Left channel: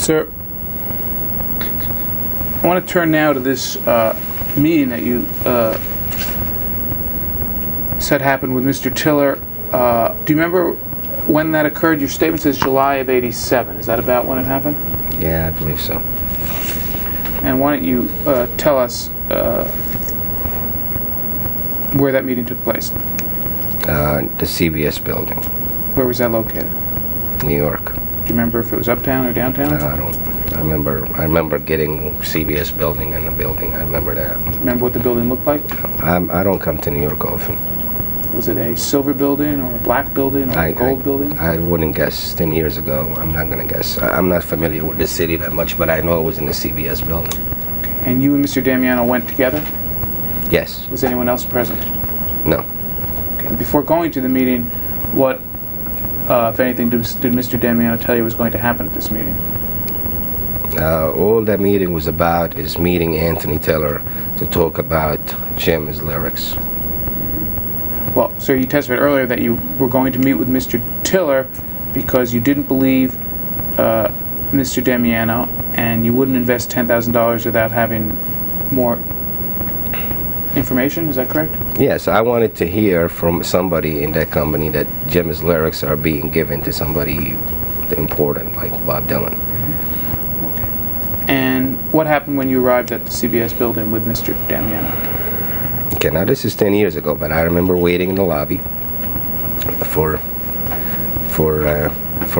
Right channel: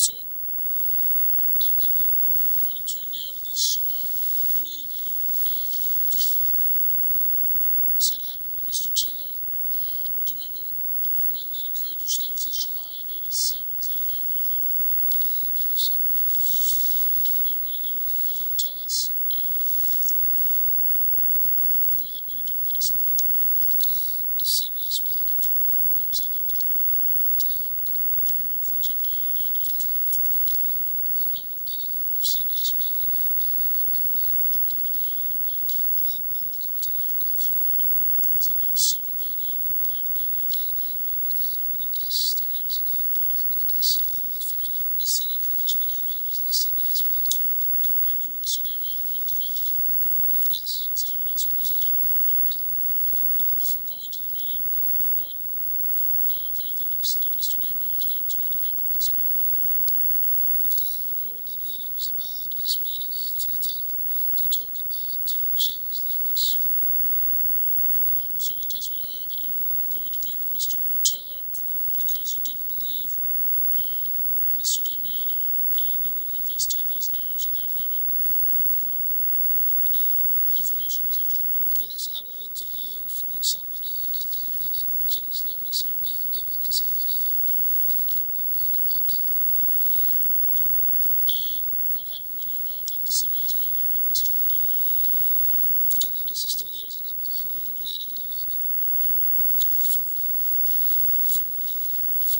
Sir, I want to turn now to this meeting that you said happened with Mr. Tiller. Do you remember when that occurred? Your statement says July of '87. Is that about when it happened? Yeah, I believe so. And why don't you tell us where that meeting took place? The CBS building, Where was that located? New York. Do you remember if it was uptown or downtown? I don't. I remember getting CBS building and the building. I remember that. Remember what the building looked like? I don't come to New York often. Was it a silver building or a black building or a gold building? I wouldn't guess. 10 years ago, I'm not going to guess. I'm not familiar with the city that much, but I know it was in the CBS building. Okay. And you and Mr. Damiano went together? Yes. Was anyone else present? No. Okay. And before going to the meeting, what, if anything, did Mr. Damiano tell you was going to happen at this meeting? All that meeting was about is meeting Anthony Tiller to talk about Jim's lyrics. Well, sir, you testified earlier that you were going to meet with Mr. Tiller because you didn't believe Mr. Damiano and you wouldn't invest $10,000 without having more information. Is that correct? Yes, I wanted to hear from somebody in that company that Jim's lyrics are being given to somebody important like Bob Dylan. Okay. And what happened when you arrived at the CBS building with Mr. Damiano? Okay, now this is 10 years ago, but I remember waiting in the lobby for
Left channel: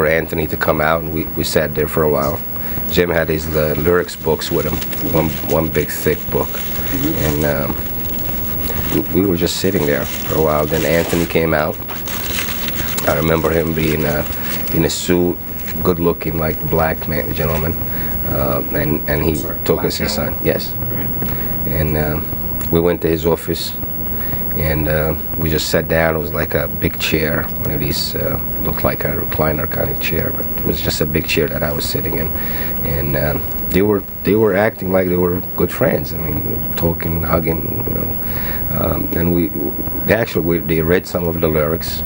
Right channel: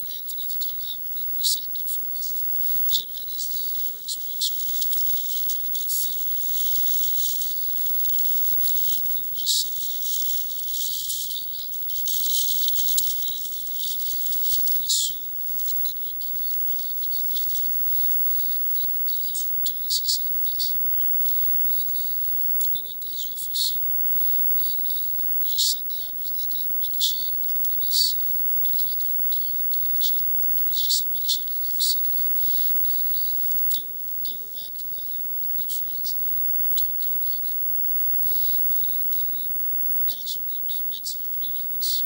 Anthony to come out, and we sat there for a while. Jim had his lyrics books with him, one big thick book, and we were just sitting there for a while. Then Anthony came out. I remember him being in a suit, good-looking, like black man, gentleman, and he took us inside. Yes, and. We went to his office, and we just sat down. It was like a big chair, one of these, looked like a recliner kind of chair, but it was just a big chair that I was sitting in. And they were acting like they were good friends. I mean, talking, hugging, you know. And they read some of the lyrics.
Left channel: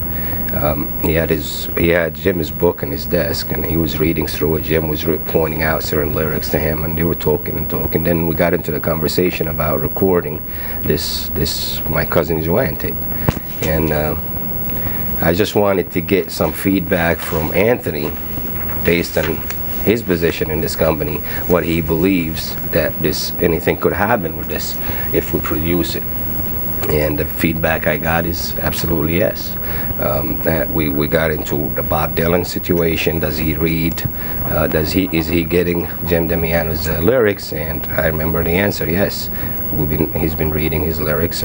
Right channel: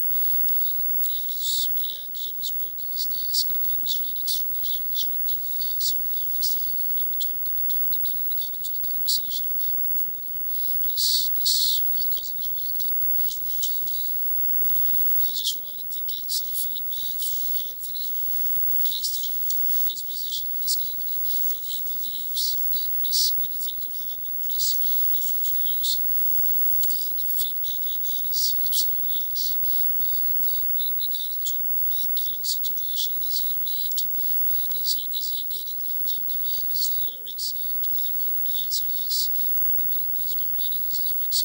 He had Jim's book on his desk, and he was reading through it. Jim was pointing out certain lyrics to him, and they were talking and talking. Then we got into the conversation about recording this My Cousin Joanne tape, and I just wanted to get some feedback from Anthony based on his position in this company, what he believes that anything could happen with this if we produce it. And the feedback I got is absolutely yes. We got into the Bob Dylan situation. Does he read? Is he getting James Damiano's lyrics? And I remember the answer, yes. He's been reading his lyrics,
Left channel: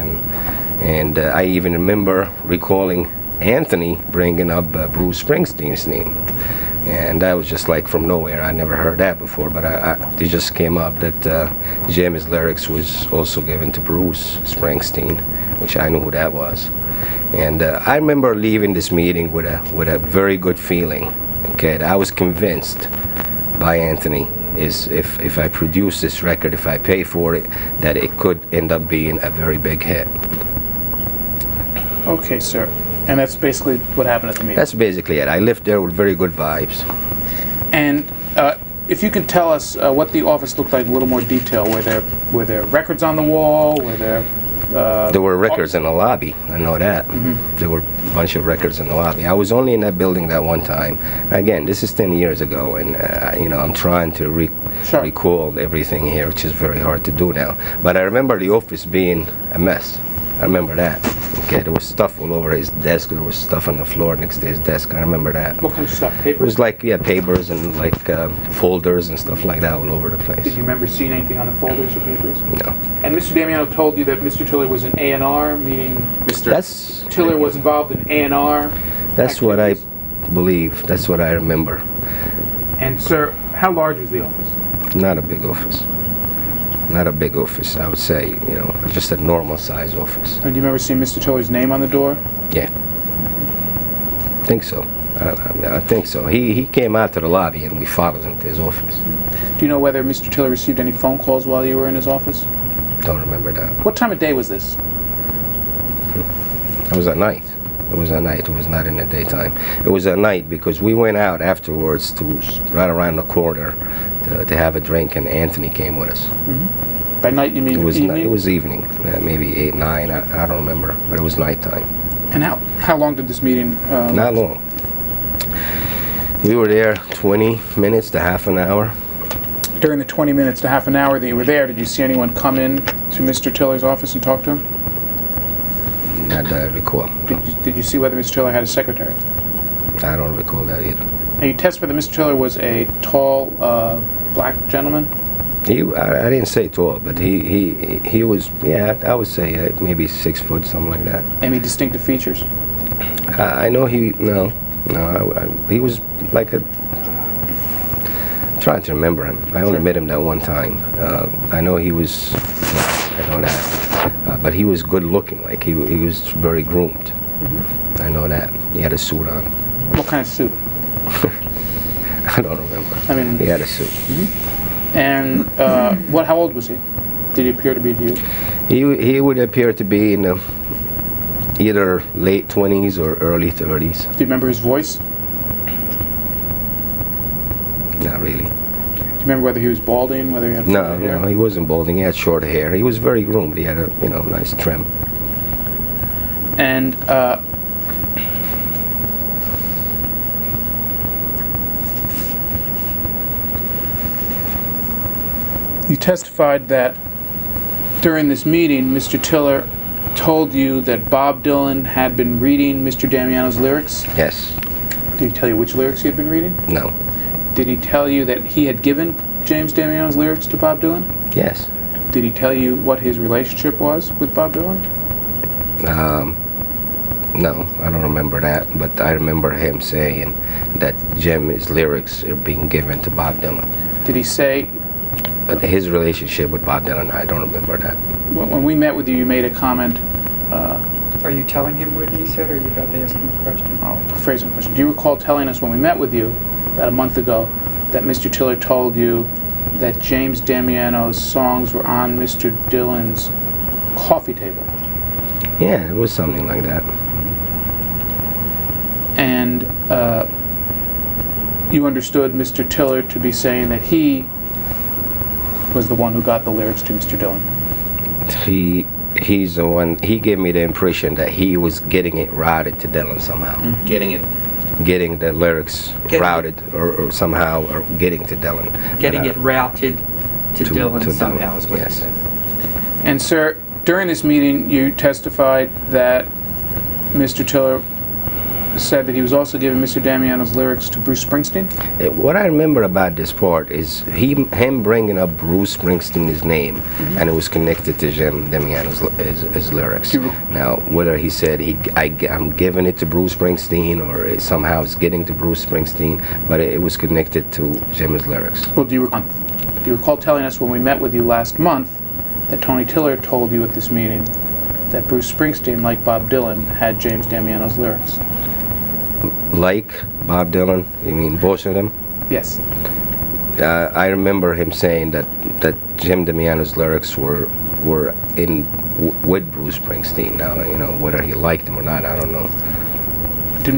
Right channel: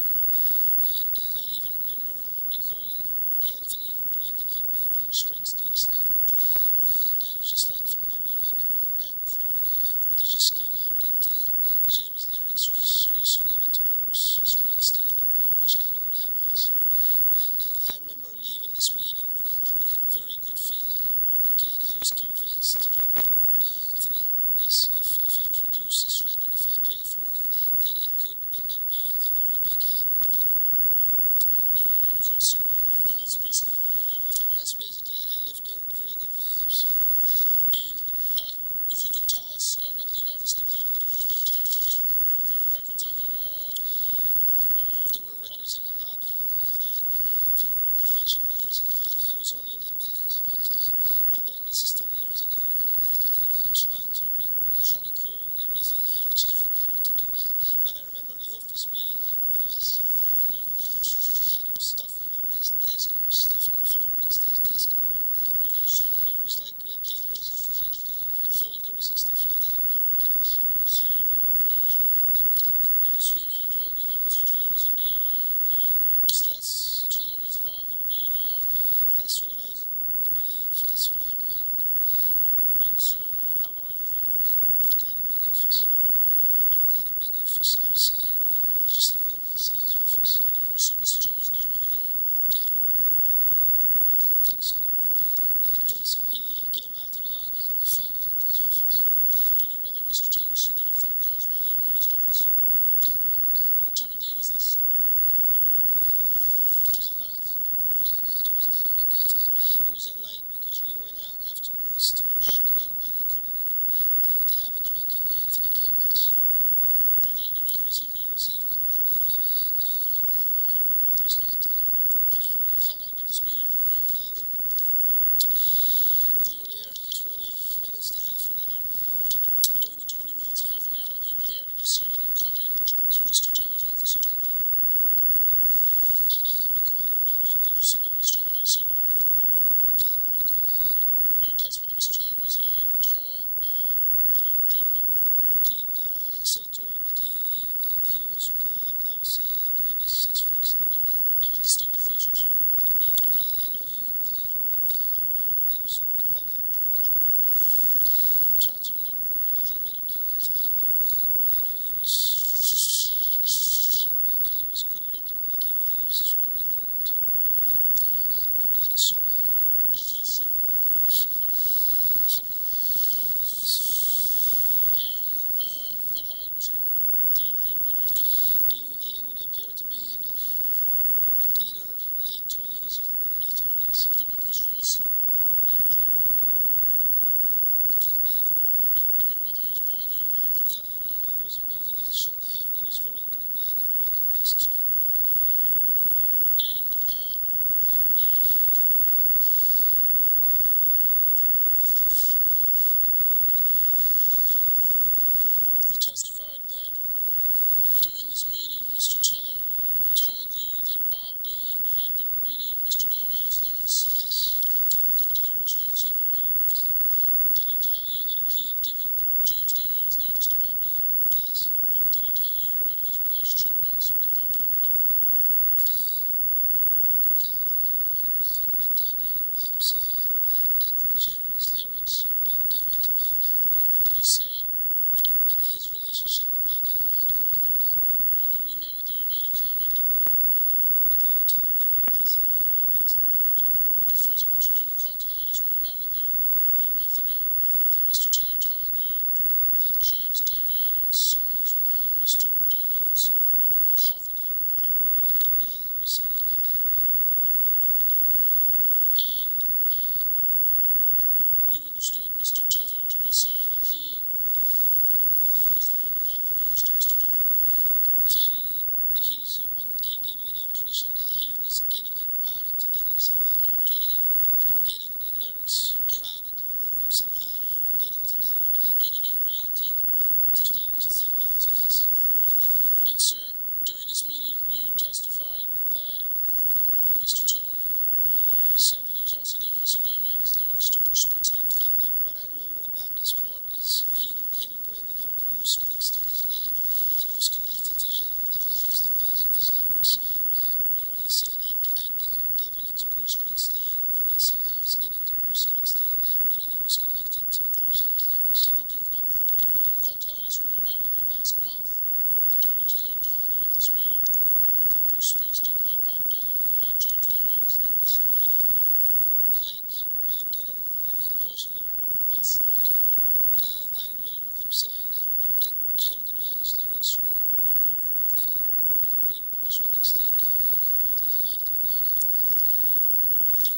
and I even remember recalling Anthony bringing up Bruce Springsteen's name. And that was just like from nowhere. I never heard that before, but it just came up that Jim's lyrics was also given to Bruce Springsteen, which I knew who that was. And I remember leaving this meeting with a very good feeling. Okay, I was convinced by Anthony is if I produce this record, if I pay for it, that it could end up being a very big hit. Okay, sir. And that's basically what happened at the meeting? That's basically it. I left there with very good vibes. And if you can tell us what the office looked like in a little more detail. Were there records on the wall? Were there... There were records in the lobby, I know that. There were a bunch of records in the lobby. I was only in that building that one time. Again, this is 10 years ago, and you know, I'm trying to recall everything here, which is very hard to do now. But I remember the office being a mess. I remember that. Okay, there was stuff all over his desk. There was stuff on the floor next to his desk. I remember that. What kind of stuff? Papers? It was like, yeah, papers and like folders and stuff like that all over the place. Did you remember seeing anything on the folders or papers? No. And Mr. Damiano told you that Mr. Tiller was an A&R, meaning Mr. Tiller was involved in A&R? That's what I believe. That's what I remember. And, sir, how large was the office? Not a big office. Not a big office, I would say, you know, just a normal size office. And do you remember seeing Mr. Tiller's name on the door? Yeah. I think so. I think so. He came out to the lobby and we followed him to his office. Do you know whether Mr. Tiller received any phone calls while you were in his office? Don't remember that. What time of day was this? It was at night. It was at night. It was not in the daytime. It was at night because we went out afterwards to right around the corner to have a drink, and Anthony came with us. Mm-hmm. By night you mean evening? It was evening, maybe 8, 9. I don't remember, but it was nighttime. And how long did this meeting? Not long. We were there 20 minutes to half an hour. During the 20 minutes to half an hour that you were there, did you see anyone come in to Mr. Tiller's office and talk to him? Not that I recall. Did you see whether Mr. Tiller had a secretary? I don't recall that either. Now you testified that Mr. Tiller was a tall, black gentleman? I didn't say tall, but he was, yeah, I would say maybe 6 foot, something like that. Any distinctive features? I know he was like a. I'm trying to remember him. I only met him that one time. I know he was. I know that, but he was good looking. Like he was very groomed. Mm-hmm. I know that. He had a suit on. What kind of suit? I don't remember. I mean, he had a suit. Mm-hmm. And how old was he? Did he appear to be to you? He would appear to be in the either late 20s or early 30s. Do you remember his voice? Not really. Do you remember whether he was balding, whether he had hair? No, he wasn't balding. He had short hair. He was very groomed. He had a nice trim. And you testified that during this meeting, Mr. Tiller told you that Bob Dylan had been reading Mr. Damiano's lyrics? Yes. Did he tell you which lyrics he had been reading? No. Did he tell you that he had given James Damiano's lyrics to Bob Dylan? Yes. Did he tell you what his relationship was with Bob Dylan? No, I don't remember that, but I remember him saying that Jim's lyrics are being given to Bob Dylan. Did he say... his relationship with Bob Dylan, I don't remember that. When we met with you, you made a comment... Are you telling him what he said, or are you about to ask him a question? I'll phrase the question. Do you recall telling us when we met with you, about a month ago, that Mr. Tiller told you that James Damiano's songs were on Mr. Dylan's coffee table? Yeah, it was something like that. And you understood Mr. Tiller to be saying that he was the one who got the lyrics to Mr. Dylan? He's the one. He gave me the impression that he was getting it routed to Dylan somehow. Mm-hmm. Getting the lyrics routed or somehow or getting to Dylan. Getting it routed to Dylan somehow is what he said. And sir, during this meeting you testified that Mr. Tiller said that he was also giving Mr. Damiano's lyrics to Bruce Springsteen? What I remember about this part is him bringing up Bruce Springsteen's name, mm-hmm. and it was connected to James Damiano's his lyrics. Now, whether he said I'm giving it to Bruce Springsteen or somehow it's getting to Bruce Springsteen, but it was connected to Jim's lyrics. Well, do you recall telling us when we met with you last month that Tony Tiller told you at this meeting that Bruce Springsteen, like Bob Dylan, had James Damiano's lyrics? Like Bob Dylan? You mean both of them? Yes. I remember him saying that Jim Damiano's lyrics were in with Bruce Springsteen. Now, whether he liked him or not, I don't know.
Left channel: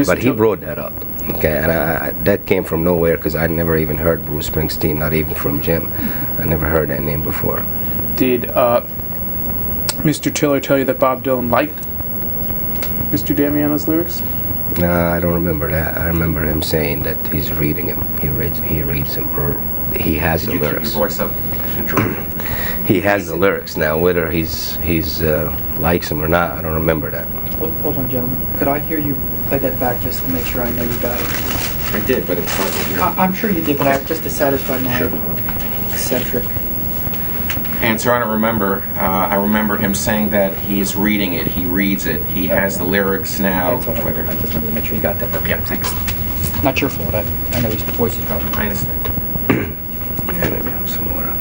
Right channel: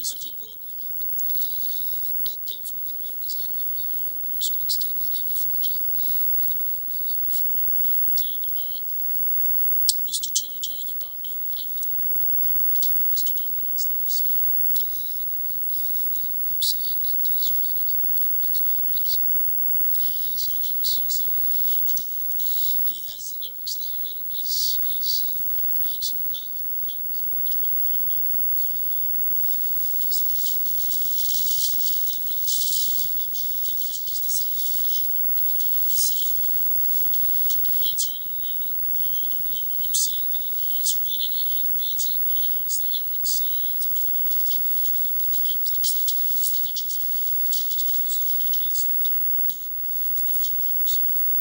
But he brought that up. Okay, and that came from nowhere because I never even heard Bruce Springsteen, not even from Jim. I never heard that name before. Did Mr. Tiller tell you that Bob Dylan liked Mr. Damiano's lyrics? No, I don't remember that. I remember him saying that he's reading him. He reads them, or he has the lyrics. Keep your voice up. He has the lyrics. Now, whether he's likes them or not, I don't remember that. Hold on, gentlemen. Could I hear you play that back just to make sure I know you got it? I did, but it's hard to hear. I'm sure you did, but just to satisfy my eccentric. And sir, I don't remember. I remember him saying that he's reading it. He reads it. He has the lyrics now. That's all right. I just wanted to make sure you got that. Yeah, thanks. Not your fault. I know his voice is dropping. I understand. Yeah, maybe have some water.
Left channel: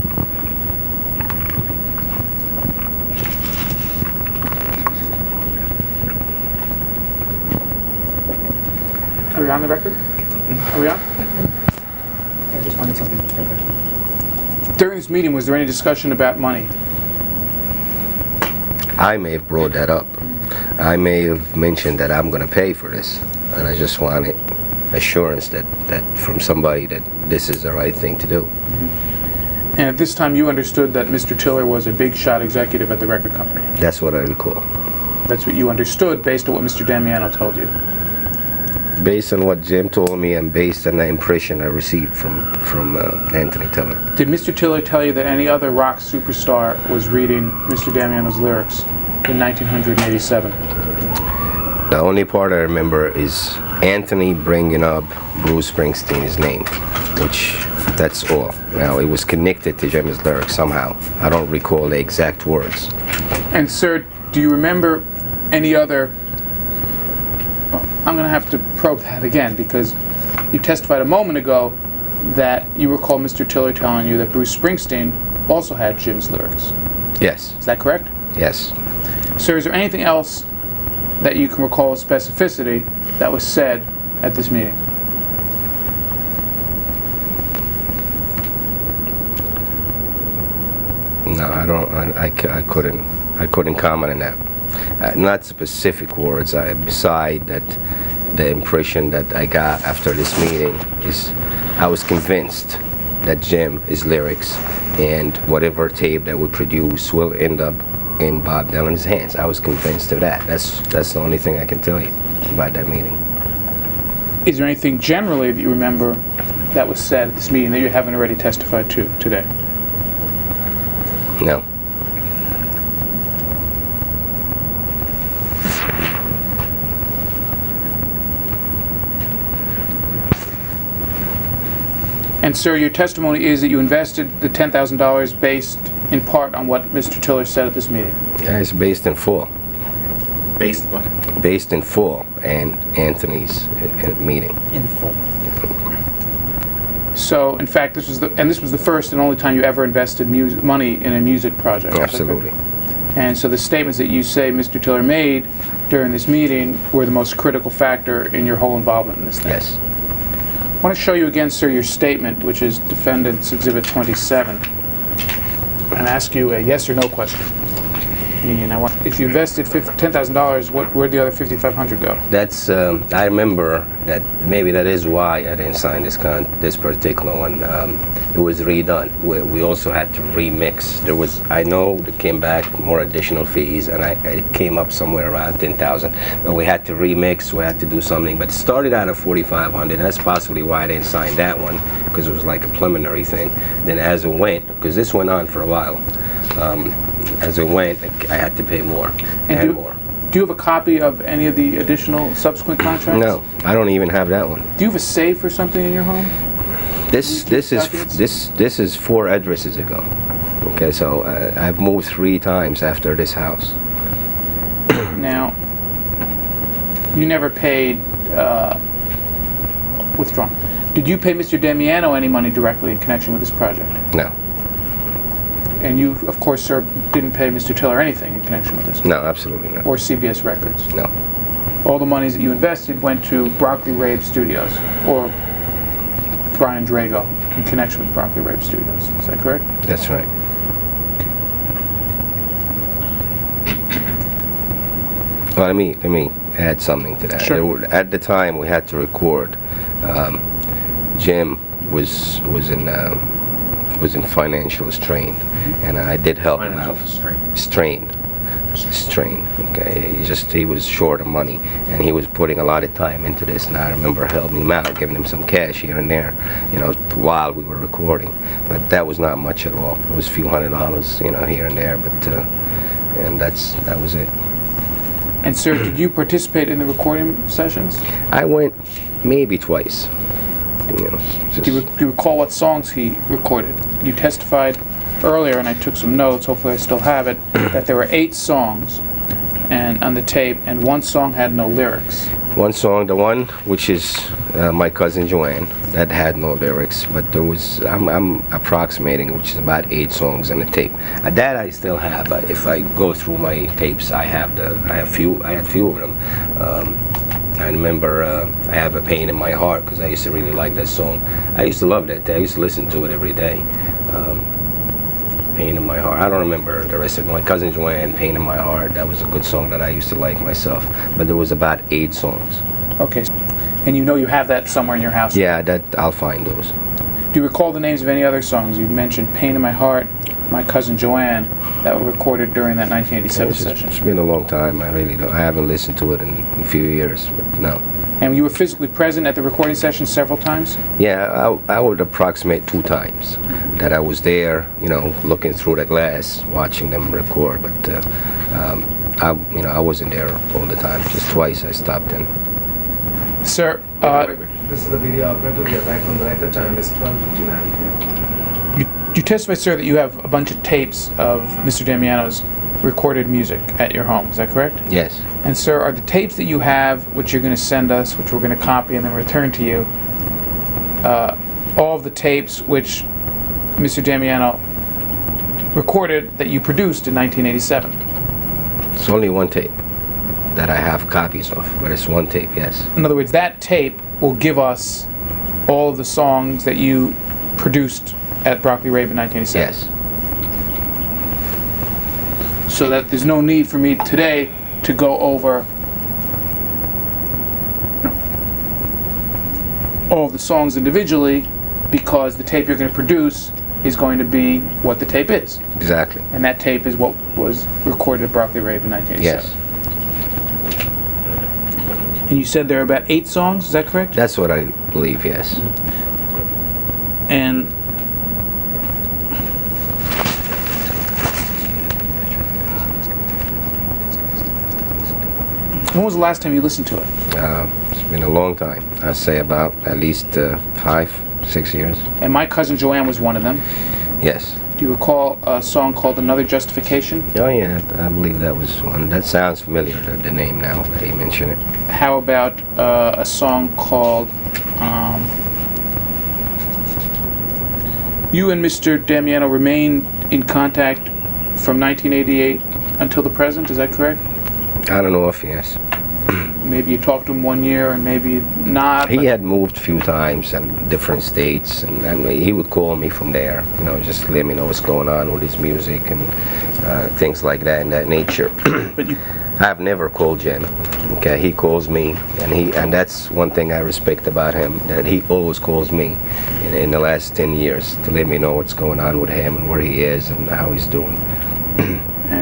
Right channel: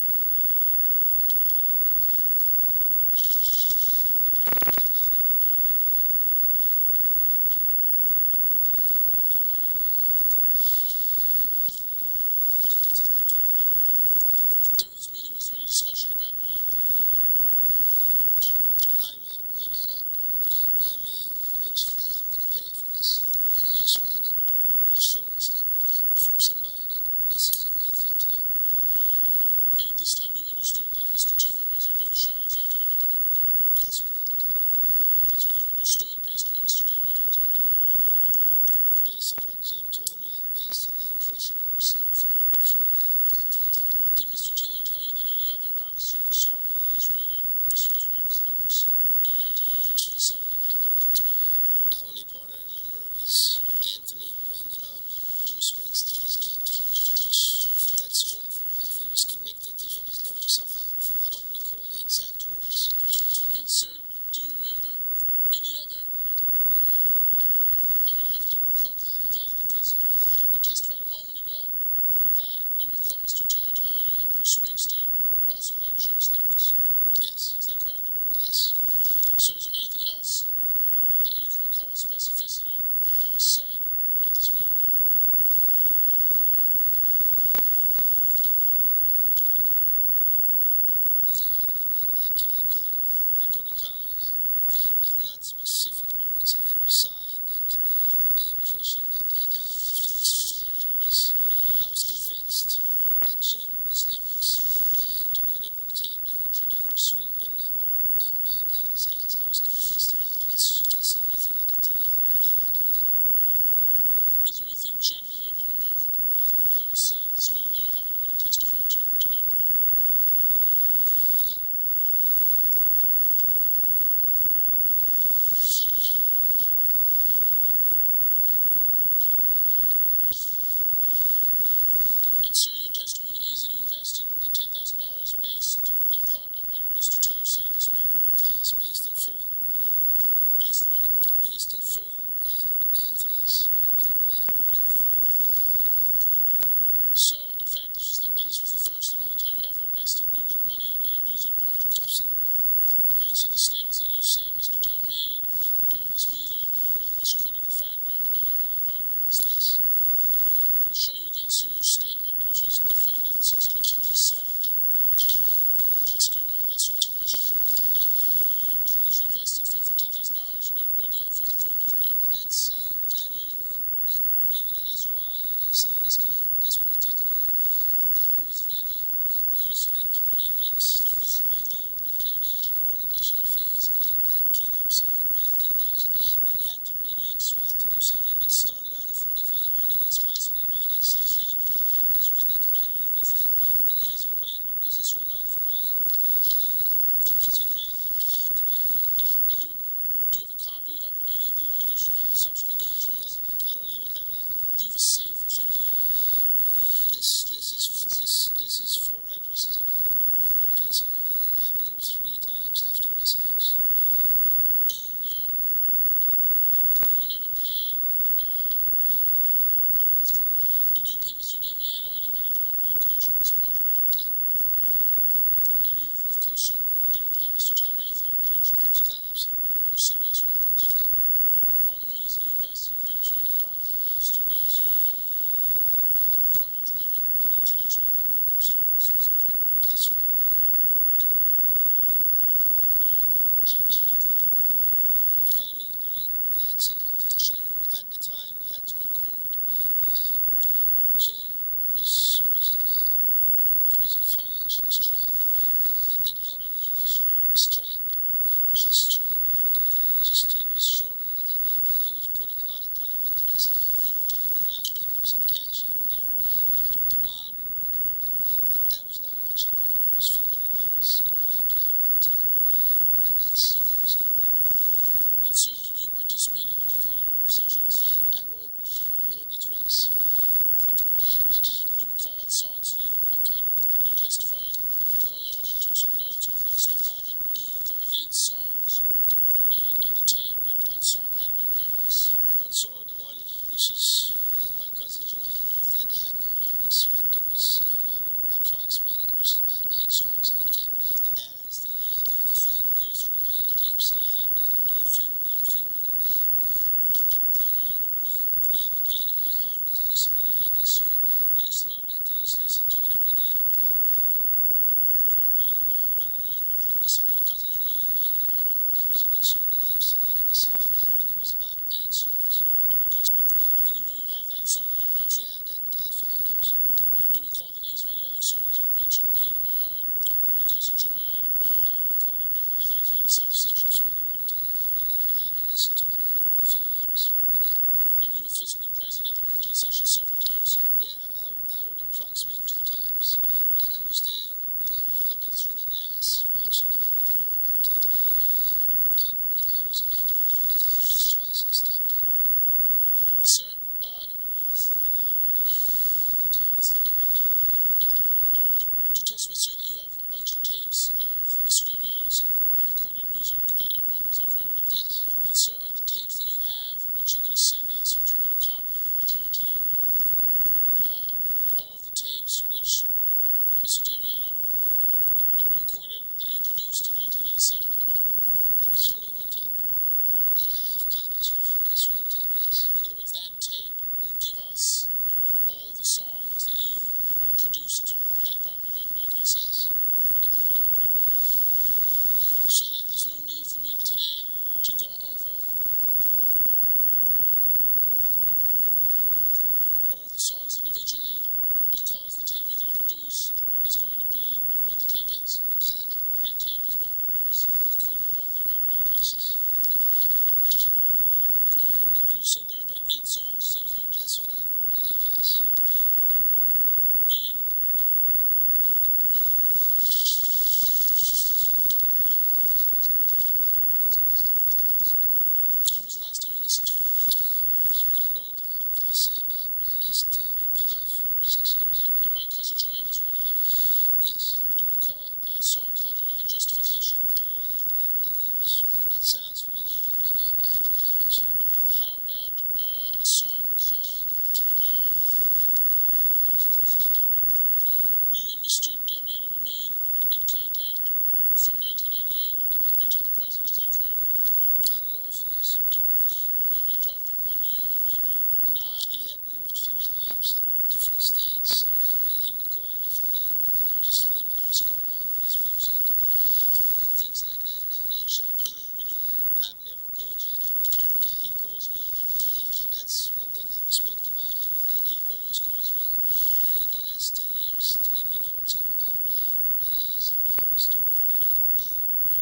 Are we on the record? Are we on? I just wanted something to go back. During this meeting, was there any discussion about money? I may have brought that up. I may have mentioned that I'm going to pay for this, and I just wanted assurance that from somebody that this is the right thing to do. And at this time, you understood that Mr. Tiller was a big shot executive at the record company. That's what I recall. That's what you understood based on what Mr. Damiano told you. Based on what Jim told me and based on the impression I received from Anthony Tiller. Did Mr. Tiller tell you that any other rock superstar was reading Mr. Damiano's lyrics in 1987? The only part I remember is Anthony bringing up Bruce Springsteen's name, which that's all. Now, it was connected to Jim's lyrics somehow. I don't recall the exact words. And sir, do you remember any other... Well, I'm going to have to probe that again, because you testified a moment ago that you recall Mr. Tiller telling you that Bruce Springsteen also had Jim's lyrics. Yes. Is that correct? Yes. Sir, is there anything else that you can recall with specificity that was said at this meeting? No, I don't. I couldn't comment on that. Not specific words. Beside that, the impression that I got after this meeting is I was convinced that Jim, his lyrics, and whatever tape that we produce will end up in Bob Dylan's hands. I was convinced of that. That's the only thing I can tell you about that meeting. Is there anything generally that you remember that was said at this meeting that you haven't already testified to today? No. And sir, your testimony is that you invested the $10,000 based in part on what Mr. Tiller said at this meeting. Yeah, it's based in full. Based what? Based in full, and Anthony's meeting. In full. So, in fact, this was the first and only time you ever invested money in a music project. Absolutely. And so the statements that you say Mr. Tiller made during this meeting were the most critical factor in your whole involvement in this thing. Yes. I want to show you again, sir, your statement, which is Defendant's Exhibit 27, and ask you a yes or no question. Meaning, if you invested $10,000, where'd the other $5,500 go? That's. I remember that maybe that is why I didn't sign this particular one. It was redone. We also had to remix. I know it came back more additional fees, and it came up somewhere around $10,000. But we had to remix. We had to do something. But it started out at $4,500. That's possibly why I didn't sign that one, because it was like a preliminary thing. Then as it went, because this went on for a while. As it went, I had to pay more and more. Do you have a copy of any of the additional subsequent contracts? No, I don't even have that one. Do you have a safe or something in your home? This is 4 addresses ago. Okay, so I've moved 3 times after this house. Now, you never paid withdrawn. Did you pay Mr. Damiano any money directly in connection with this project? No. And you, of course, sir, didn't pay Mr. Tiller anything in connection with this? No, absolutely not. Or CBS Records? No. All the monies that you invested went to Broccoli Rave Studios, or Brian Drago, in connection with Broccoli Rave Studios. Is that correct? That's right. Well, let me add something to that. Sure. At the time, we had to record. Jim was in financial strain, and I did help him out. Strain. Okay, he was short of money, and he was putting a lot of time into this. And I remember helping him out, giving him some cash here and there, while we were recording. But that was not much at all. It was a few $100s, here and there. But and that was it. And sir, did you participate in the recording sessions? I went maybe twice. Do you recall what songs he recorded? You testified earlier, and I took some notes, hopefully I still have it, that there were 8 songs on the tape, and 1 song had no lyrics. One song, the one which is My Cousin Joanne, that had no lyrics, but there was, I'm approximating, which is about 8 songs on the tape. That I still have. If I go through my tapes, I had few of them. I remember I Have a Pain in My Heart, because I used to really like that song. I used to love that. I used to listen to it every day. Pain in My Heart. I don't remember the rest of it. My Cousin Joanne, Pain in My Heart. That was a good song that I used to like myself. But there was about 8 songs. Okay. And you know you have that somewhere in your house? Yeah, that I'll find those. Do you recall the names of any other songs? You mentioned Pain in My Heart, My Cousin Joanne, that were recorded during that 1987 session. It's been a long time. I really don't. I haven't listened to it in a few years, but no. And you were physically present at the recording session several times? Yeah, I would approximate 2 times that I was there, you know, looking through the glass, watching them record. But I wasn't there all the time. Just twice I stopped in. Sir, This is the video operator. We are back on the record time. It's 12:59 p.m. you testified, sir, that you have a bunch of tapes of Mr. Damiano's recorded music at your home. Is that correct? Yes. And sir, are the tapes that you have, which you're going to send us, which we're going to copy and then return to you, all of the tapes which Mr. Damiano recorded that you produced in 1987? It's only one tape that I have copies of, but it's one tape, yes. In other words, that tape will give us all of the songs that you produced at Broccoli Rave in 1987? Yes. So that there's no need for me today to go over all of the songs individually, because the tape you're going to produce is going to be what the tape is. Exactly. And that tape is what was recorded at Broccoli Rave in 1987. Yes. And you said there are about 8 songs, is that correct? That's what I believe, yes. And when was the last time you listened to it? It's been a long time. I'd say about at least 5, 6 years. And My Cousin Joanne was one of them. Yes. Do you recall a song called Another Justification? Oh yeah, I believe that was one. That sounds familiar, the name now that you mention it. How about a song called You and Mr. Damiano remained in contact from 1988 until the present, is that correct? I don't know if yes. Maybe you talked to him one year and maybe not. He had moved a few times in different states, and he would call me from there, you know, just let me know what's going on with his music and things like that in that nature. But you, I've never called Jim. Okay, he calls me, and that's one thing I respect about him, that he always calls me in the last 10 years to let me know what's going on with him and where he is and how he's doing.